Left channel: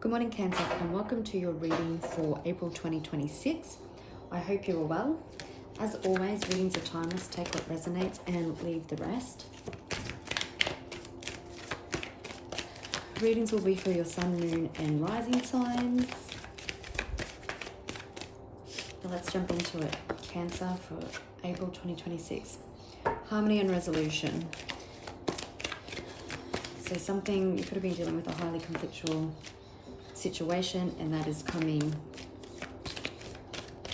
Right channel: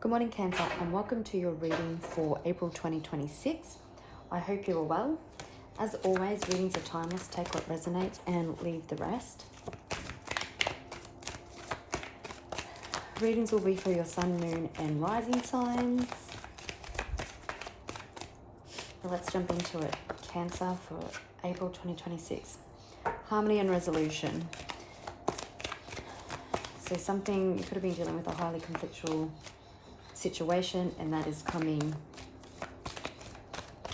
Good morning, Cancer, and welcome to your reading for April 2026. I hope you're well. As always, readings are timeless. Take what resonates and leave the rest. Readings will be for your sun, moon, and rising signs. So let's jump into it. Cancer for April 2026. Harmony and resolution. So something, you could have been dealing with a highly conflictual situation, and that is coming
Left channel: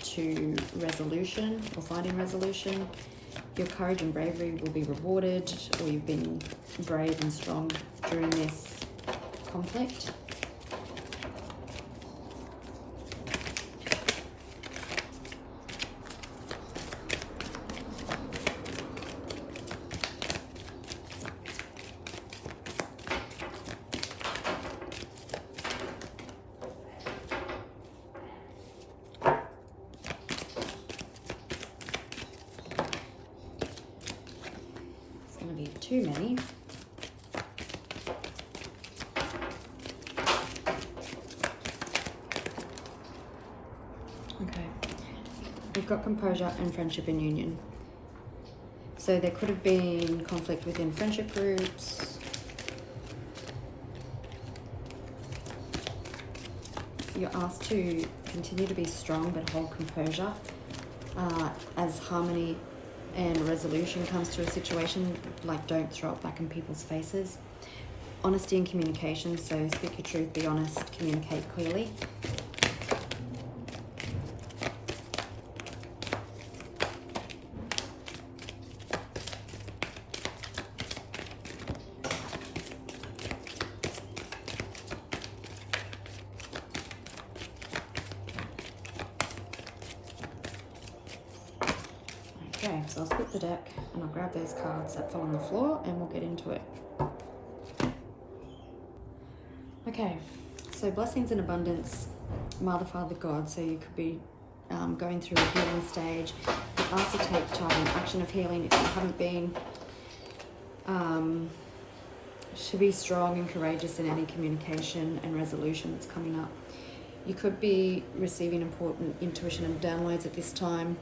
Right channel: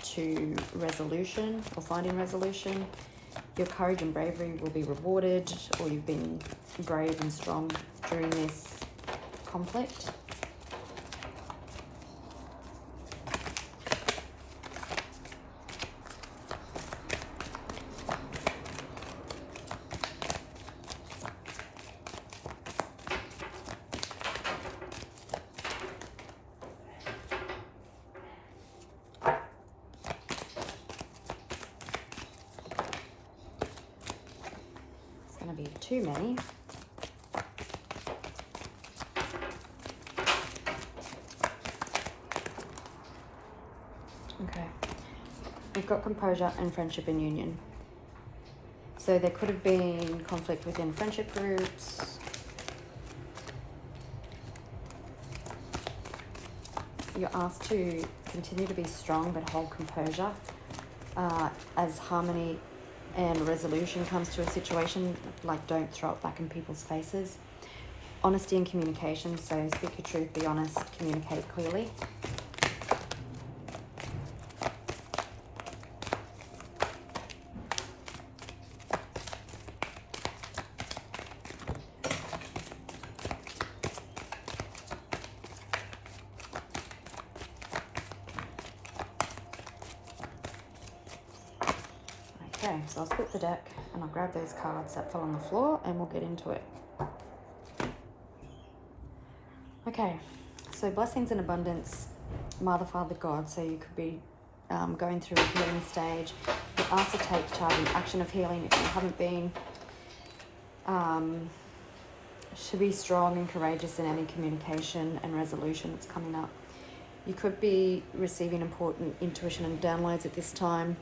to resolution or finding resolution. Your courage and bravery will be rewarded, or you've been brave and strong during this conflict. Be too many. Okay, we've got composure and friendship and union. So there could have been conflict within friendship groups. You're asked to continue to be strong but hold composure as harmony and resolution comes to a situation. Like, don't throw it back in people's faces. Honesty and communication, so speak your truth, be honest, communicate clearly. Okay, so I'll split the deck and I'll grab those cards that fell on the floor and we'll get into it. Okay, so blessings and abundance, Mother, Father, God. So you could be going through a healing stage. You're asked to take charge and action of healing if you haven't been. Should be strong and courageous in any communication and resolution that's coming up. You could be receiving important intuition and downloads at this time.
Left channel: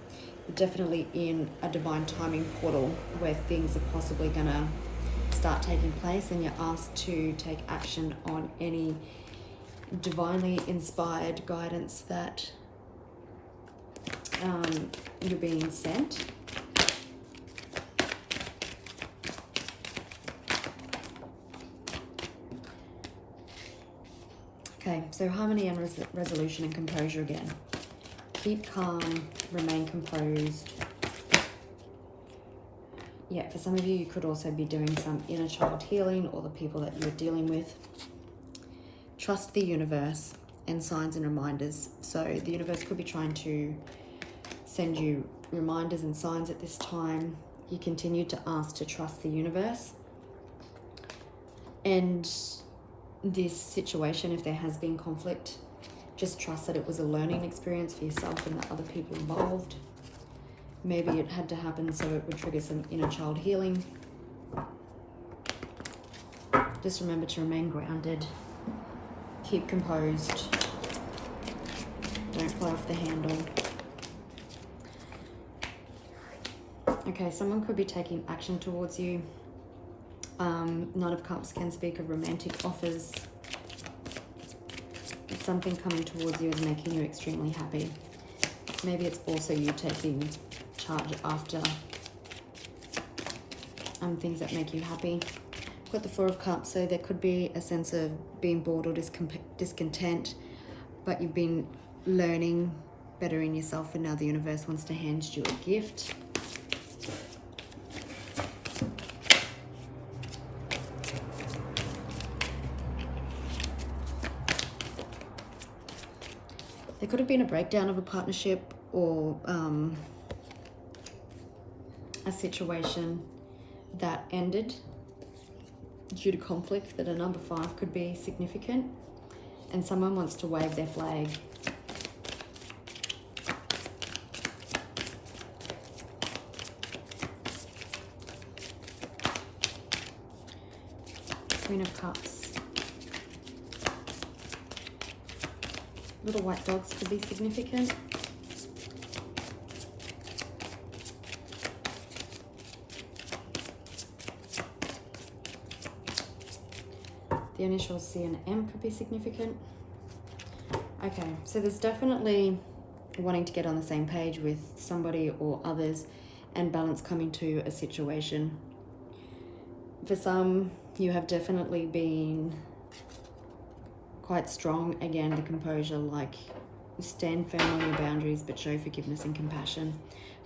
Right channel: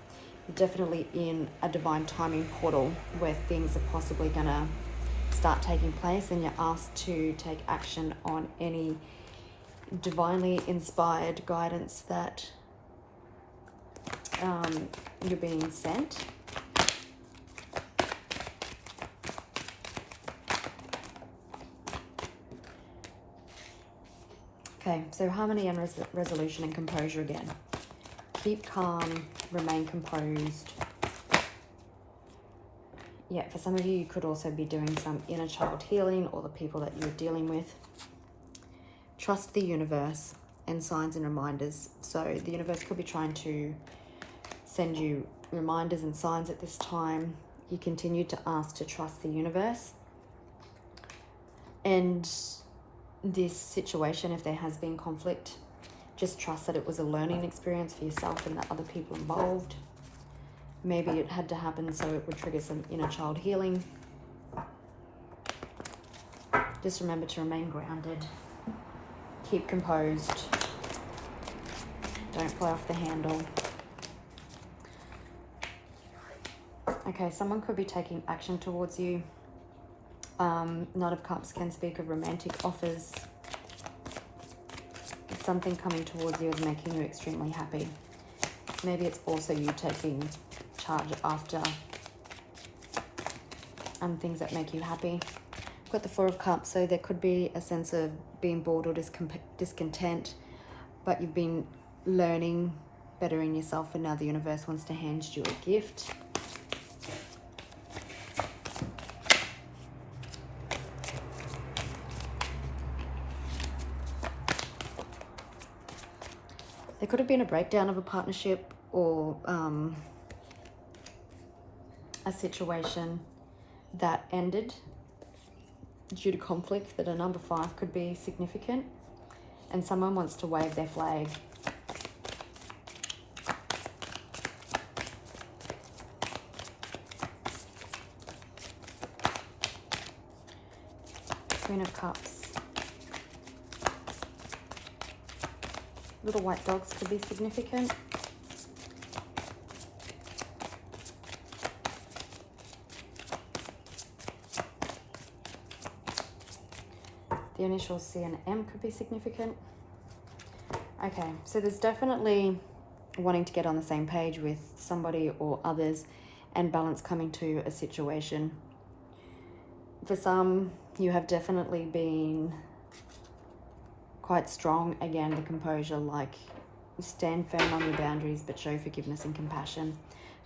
You're definitely in a divine timing portal where things are possibly going to start taking place, and you're asked to take action on any divinely inspired guidance that you're being sent. Okay, so harmony and resolution and composure again. Keep calm, remain composed. Yeah, for some of you, you could also be doing some inner child healing, or the people that you're dealing with. Trust the universe and signs and reminders. So the universe could be trying to send you reminders and signs at this time. You continue to ask to trust the universe. And this situation, if there has been conflict, just trust that it was a learning experience for yourself and the other people involved. Maybe it had to happen so it would trigger some inner child healing. Just remember to remain grounded. Keep composed. Don't fly off the handle. Okay, someone could be taking action towards you. Knight of Cups can speak of romantic offers. Something coming towards you is making you extremely happy. Maybe it's also you taking charge after things that make you happy. Got the Four of Cups, so there could be a sense of being bored or discontent, but you've been learning better in yourself, and now the universe wants to hand you a gift. There could have been a breakdown of a partnership, or a situation that ended due to conflict, that a number 5 could be significant, and someone wants to wave their flag. Queen of Cups. Little white dogs could be significant. The initials C and M could be significant. Okay, so there's definitely wanting to get on the same page with somebody or others and balance coming to a situation. For some, you have definitely been quite strong. Again, the composure, like stand firm on your boundaries but show forgiveness and compassion.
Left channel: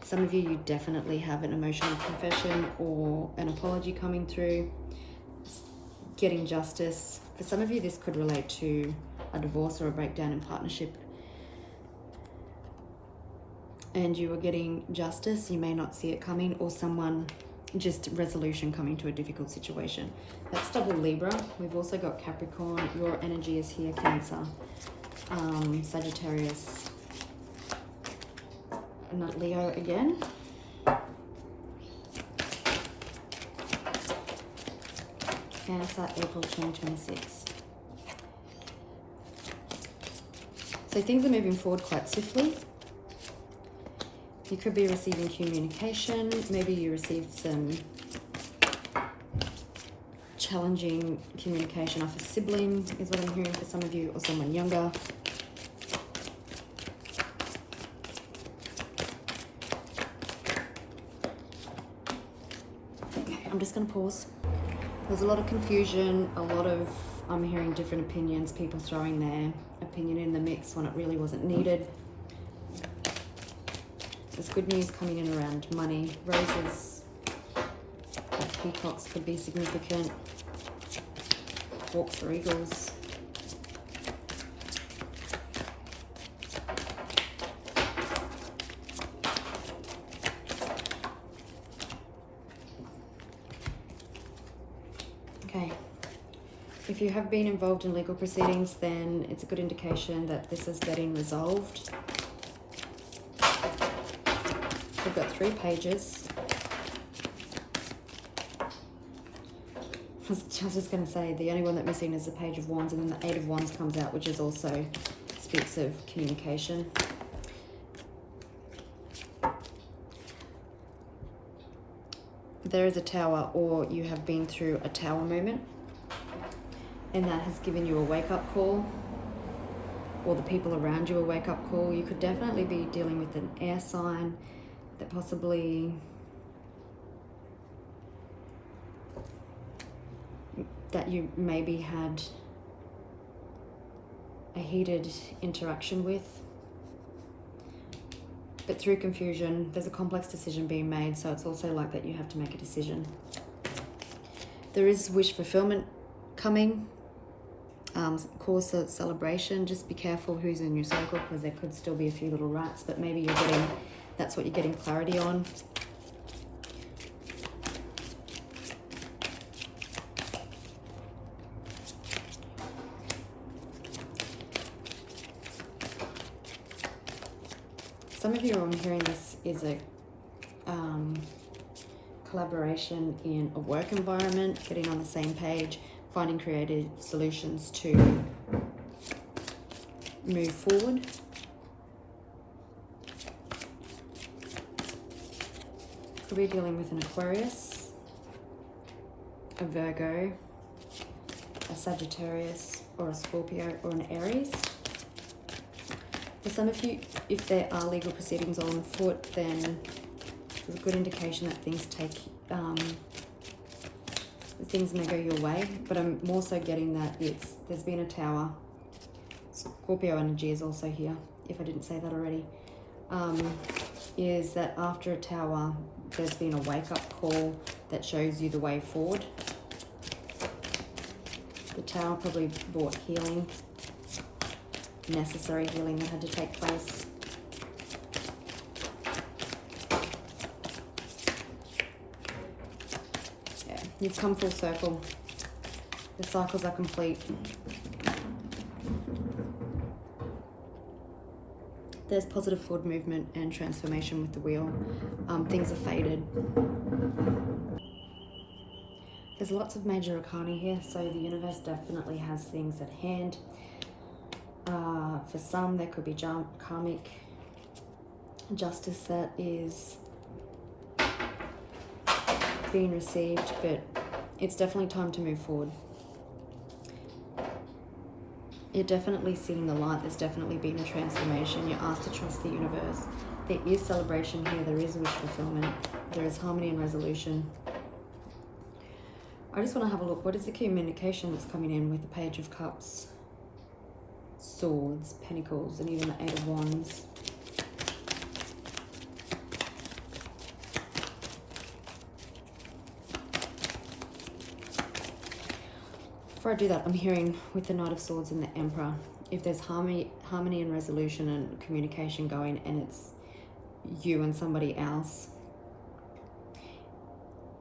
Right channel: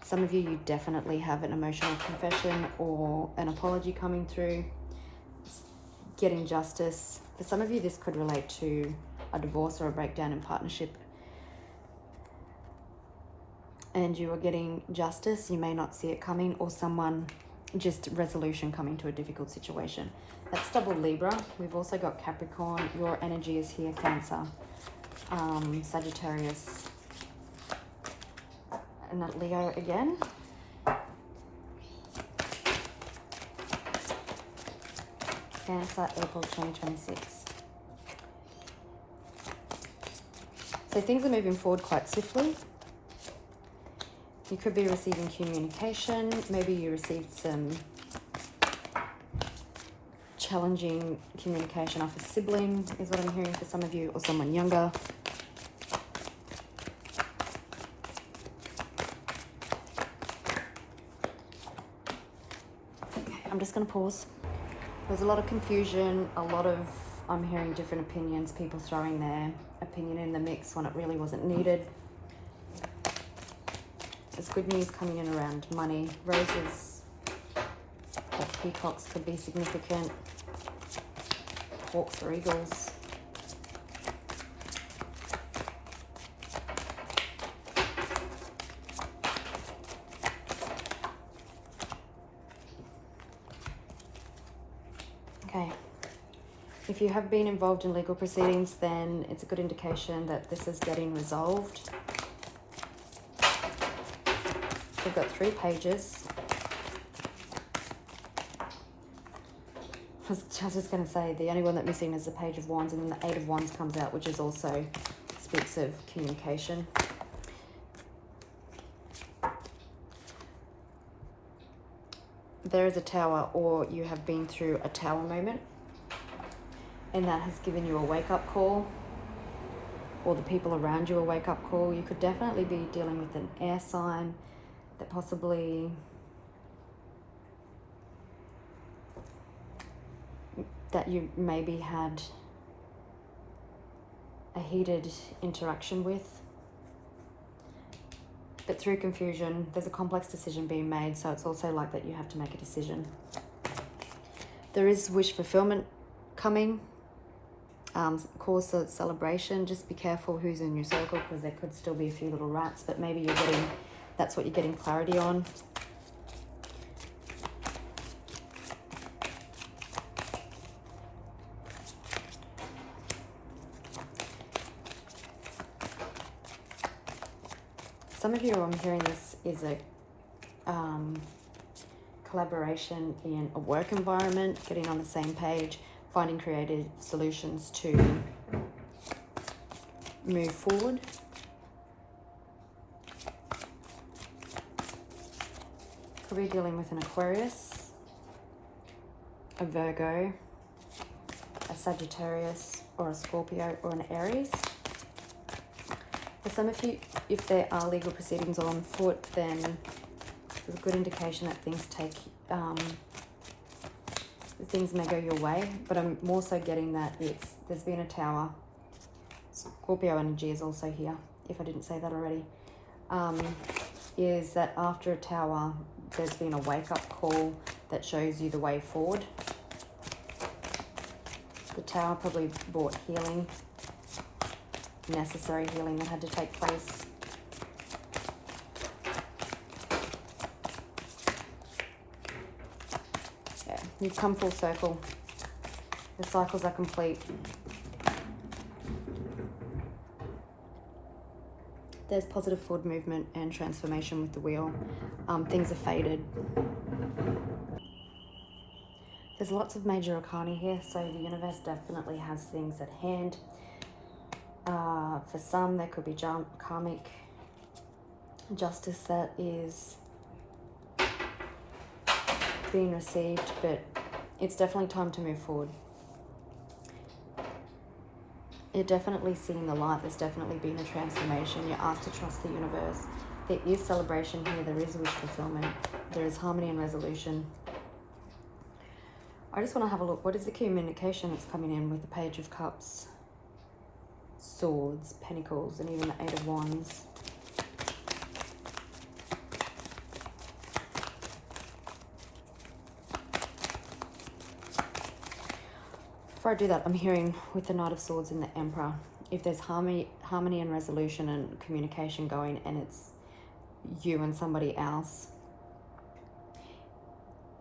Some of you definitely have an emotional confession or an apology coming through. Getting justice. For some of you, this could relate to a divorce or a breakdown in partnership. And you are getting justice. You may not see it coming, or someone, just resolution coming to a difficult situation. That's double Libra. We've also got Capricorn. Your energy is here, Cancer, Sagittarius, and that Leo again. Cancer, April 2026. So things are moving forward quite swiftly. You could be receiving communication. Maybe you received some challenging communication off a sibling, is what I'm hearing for some of you, or someone younger. Okay, I'm just going to pause. There's a lot of confusion, I'm hearing different opinions, people throwing their opinion in the mix when it really wasn't needed. There's good news coming in around money. Roses, peacocks could be significant. Hawks or eagles. Okay. If you have been involved in legal proceedings, then it's a good indication that this is getting resolved. We've got 3 pages. I was just going to say, the only one that we're seeing is the Page of Wands, and then the 8 of Wands comes out, which is also speaks of communication. There is a Tower, or you have been through a Tower moment, and that has given you a wake-up call, or the people around you a wake-up call. You could definitely be dealing with an air sign that possibly that you maybe had a heated interaction with. But through confusion, there's a complex decision being made, so it's also like that you have to make a decision. There is wish fulfillment coming, cause a celebration. Just be careful who's in your circle, because there could still be a few little rats, but maybe you're getting, that's what you're getting clarity on. Some of you, I'm hearing this is a collaboration in a work environment, getting on the same page, finding creative solutions to move forward. Could be dealing with an Aquarius, a Virgo, a Sagittarius, or a Scorpio, or an Aries. For some of you, if there are legal proceedings on foot, then there's a good indication that things may go your way. But I'm more so getting that there's been a Tower. Scorpio energy is also here, if I didn't say that already. Is that after a Tower, there's been a wake-up call that shows you the way forward. The Tower probably brought healing, necessary healing that had to take place. Yeah, you've come full circle. The cycles are complete. There's positive forward movement and transformation with the wheel. Things are faded. There's lots of major arcana here, so the universe definitely has things at hand. For some, there could be karmic justice that is being received, but it's definitely time to move forward. You're definitely seeing the light. There's definitely been a transformation. You're asked to trust the universe. There is celebration here. There is wish fulfillment. There is harmony and resolution. I just want to have a look. What is the communication that's coming in with the Page of Cups, Swords, Pentacles, and even the Eight of Wands? Before I do that, I'm hearing with the Knight of Swords and the Emperor, if there's harmony and resolution and communication going, and it's you and somebody else,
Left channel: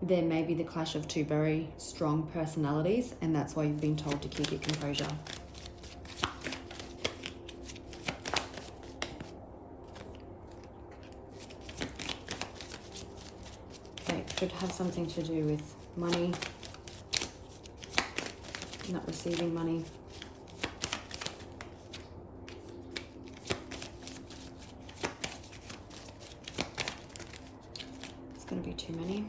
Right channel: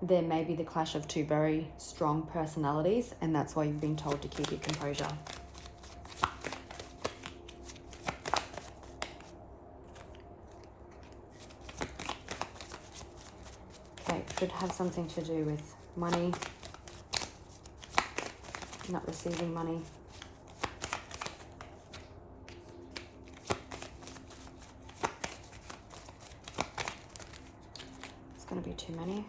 there may be the clash of two very strong personalities, and that's why you've been told to keep your composure. Okay, it should have something to do with money, not receiving money. It's going to be too many.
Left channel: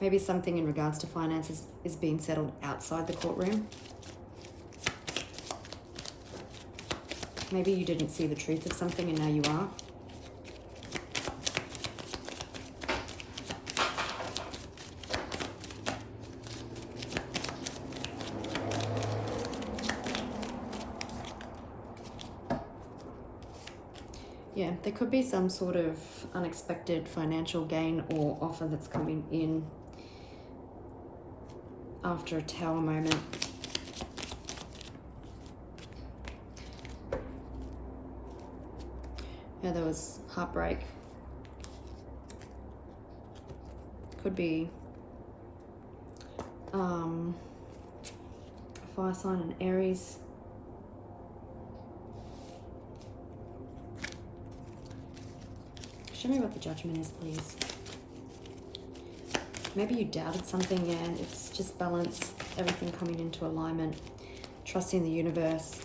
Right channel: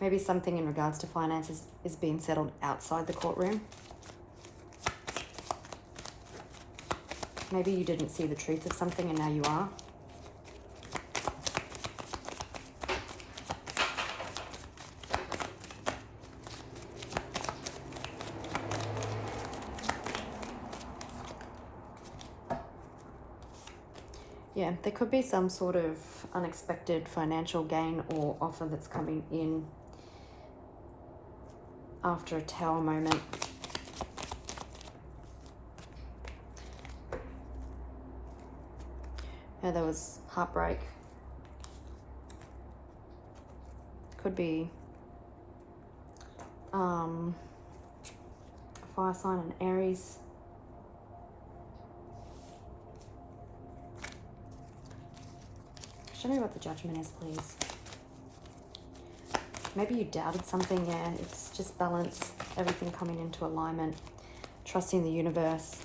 Maybe something in regards to finances is being settled outside the courtroom. Maybe you didn't see the truth of something and now you are. Yeah, there could be some sort of unexpected financial gain or offer that's coming in after a Tower moment. Yeah, there was heartbreak. Could be a fire sign and Aries. Show me what the Judgment is, please. Maybe you doubted something, yeah, and it's just balance, everything coming into alignment, trusting the universe.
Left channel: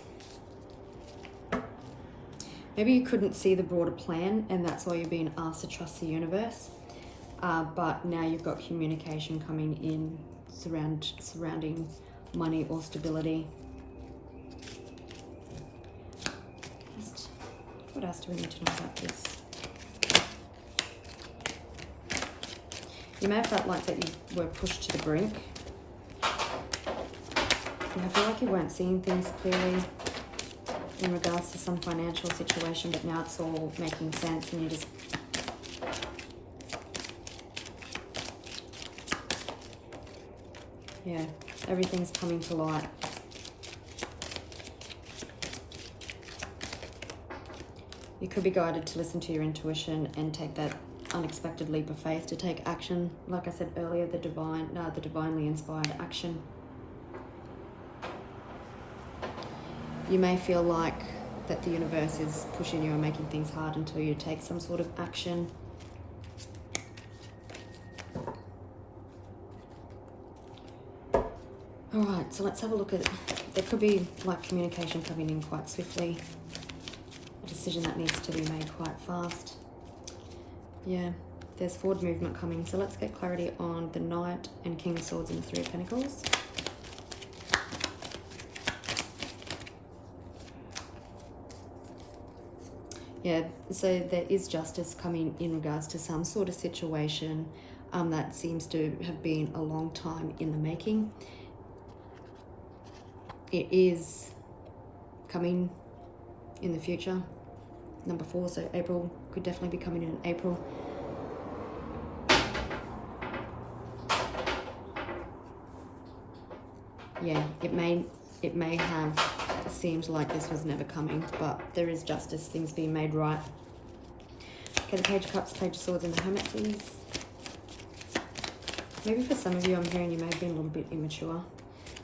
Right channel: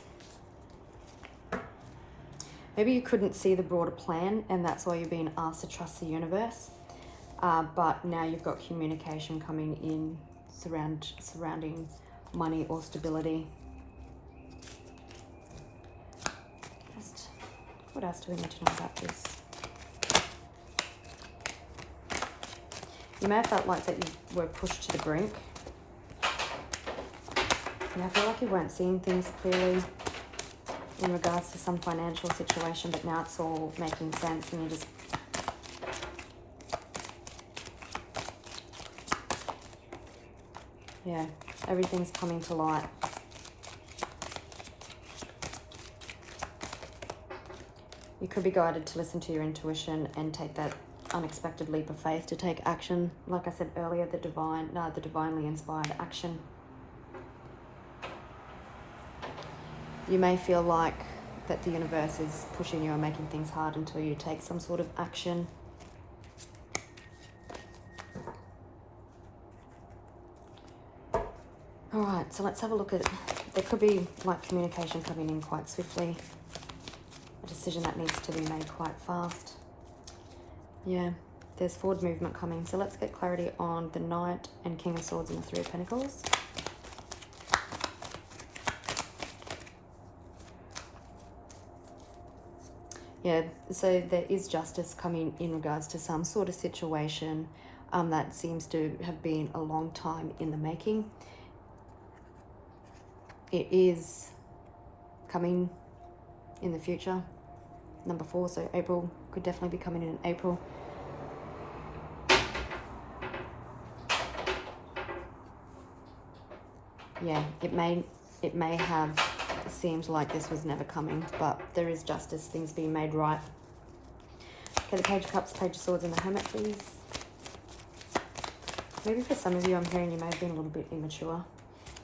Maybe you couldn't see the broader plan, and that's why you're being asked to trust the universe. But now you've got communication coming in surrounding money or stability. What else do we need to know about this? You may have felt like that you were pushed to the brink. And I feel like you weren't seeing things clearly in regards to some financial situation, but now it's all making sense and you just... Yeah, everything's coming to light. You could be guided to listen to your intuition and take that unexpected leap of faith to take action. Like I said earlier, the divinely inspired action. You may feel like that the universe is pushing you and making things hard until you take some sort of action. Alright, so let's have a look at, there could be like communication coming in quite swiftly. A decision that needs to be made quite fast. Yeah, there's forward movement coming. So let's get clarity on the Knight and King of Swords and the Three of Pentacles. Yeah, so there is justice coming in regards to some sort of situation that seems to have been a long time in the making. It is coming in the future. Number 4, so April could definitely be coming in April. Yeah, it may have seemed like this was never coming, but there is justice, things being made right. Okay, the Page of Cups, Page of Swords, and the Hermit, please. Maybe for some of you, I'm hearing you may have been a little bit immature.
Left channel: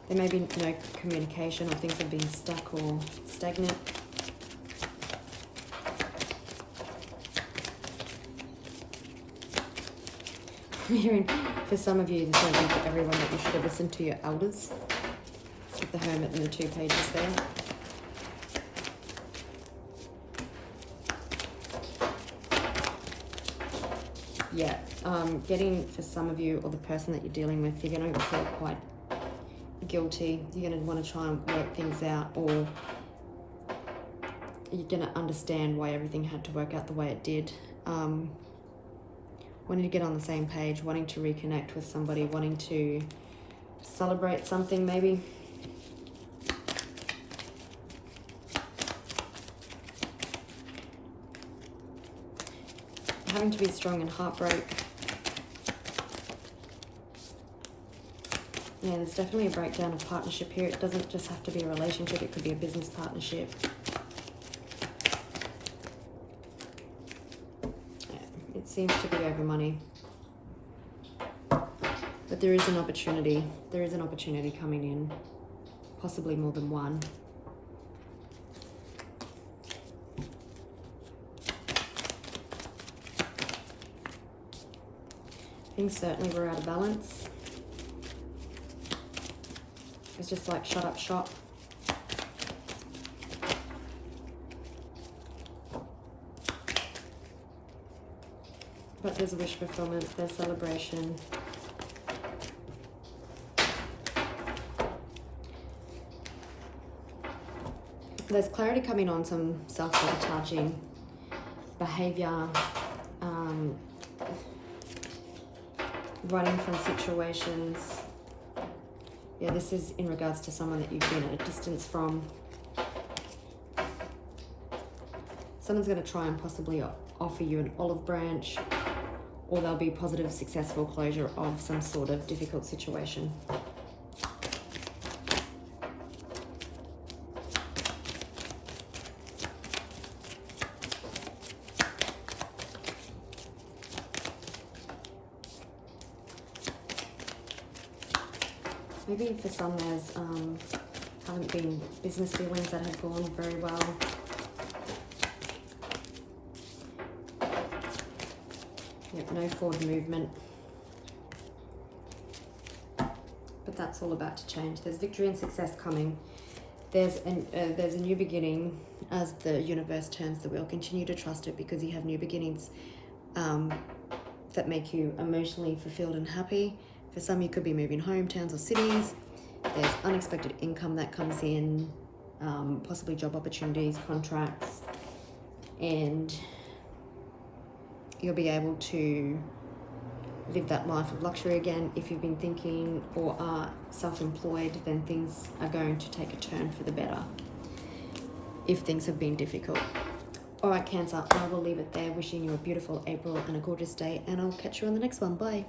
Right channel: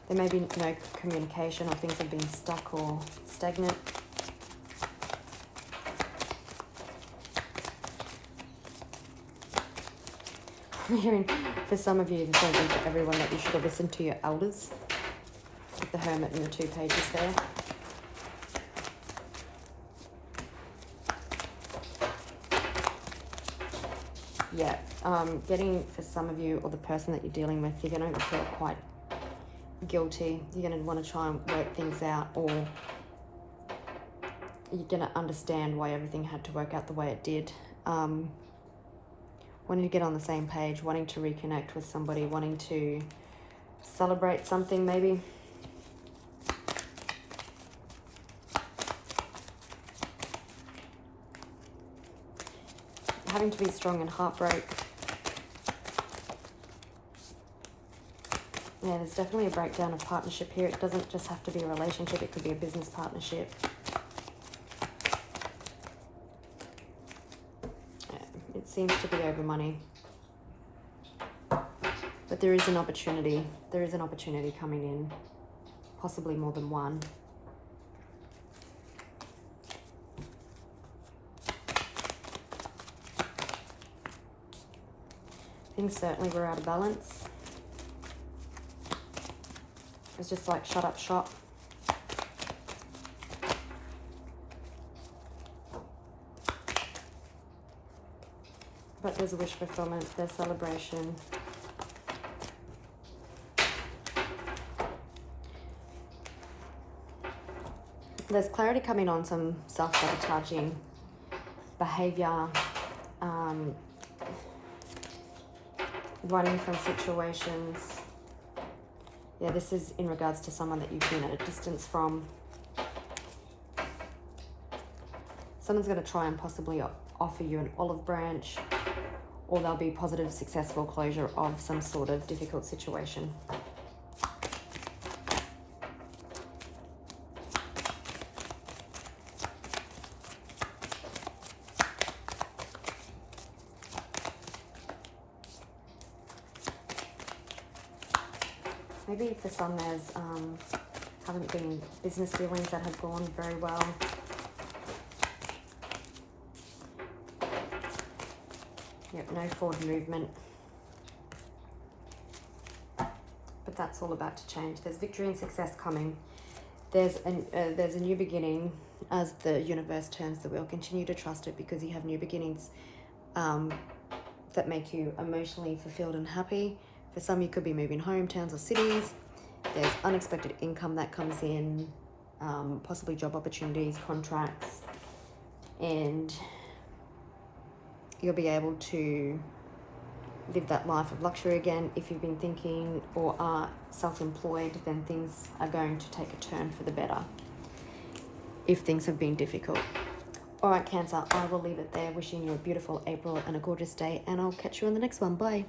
There may be no communication, or things have been stuck or stagnant. I'm hearing for some of you, this is for everyone, that you should have listened to your elders. with the Hermit and the 2 pages there. Yeah, getting, for some of you or the person that you're dealing with, you're going to feel quite guilty. You're going to want to try and work things out, or you're going to understand why everything had to work out the way it did. Wanting to get on the same page, wanting to reconnect with somebody, wanting to celebrate something maybe. Having to be strong in heartbreak. Yeah, there's definitely a breakdown of partnership here. It doesn't just have to be a relationship, it could be a business partnership. Yeah, it seems to be over money. But there is an opportunity. There is an opportunity coming in. Possibly more than one. Things certainly were out of balance. It was just like shut up shop. But there's a wish fulfillment, there's celebration. There's clarity coming on some self-sabotaging behavior, running from situations. Yeah, this is in regards to someone that you've been at a distance from. Someone's going to try and possibly offer you an olive branch, or there'll be positive, successful closure of some sort of difficult situation. Maybe for some there's haven't been business dealings that have gone very well. Yep, no forward movement. But that's all about to change. There's victory and success coming. There's a new beginning as the universe turns the wheel. Continue to trust it, because you have new beginnings that make you emotionally fulfilled and happy. For some, you could be moving home, towns or cities. There's unexpected income that comes in, possibly job opportunities, contracts, and you'll be able to live that life of luxury again. If you've been thinking or are self-employed, then things are going to take a turn for the better if things have been difficult. All right, Cancer, I will leave it there. Wishing you a beautiful April and a gorgeous day, and I'll catch you on the next one. Bye.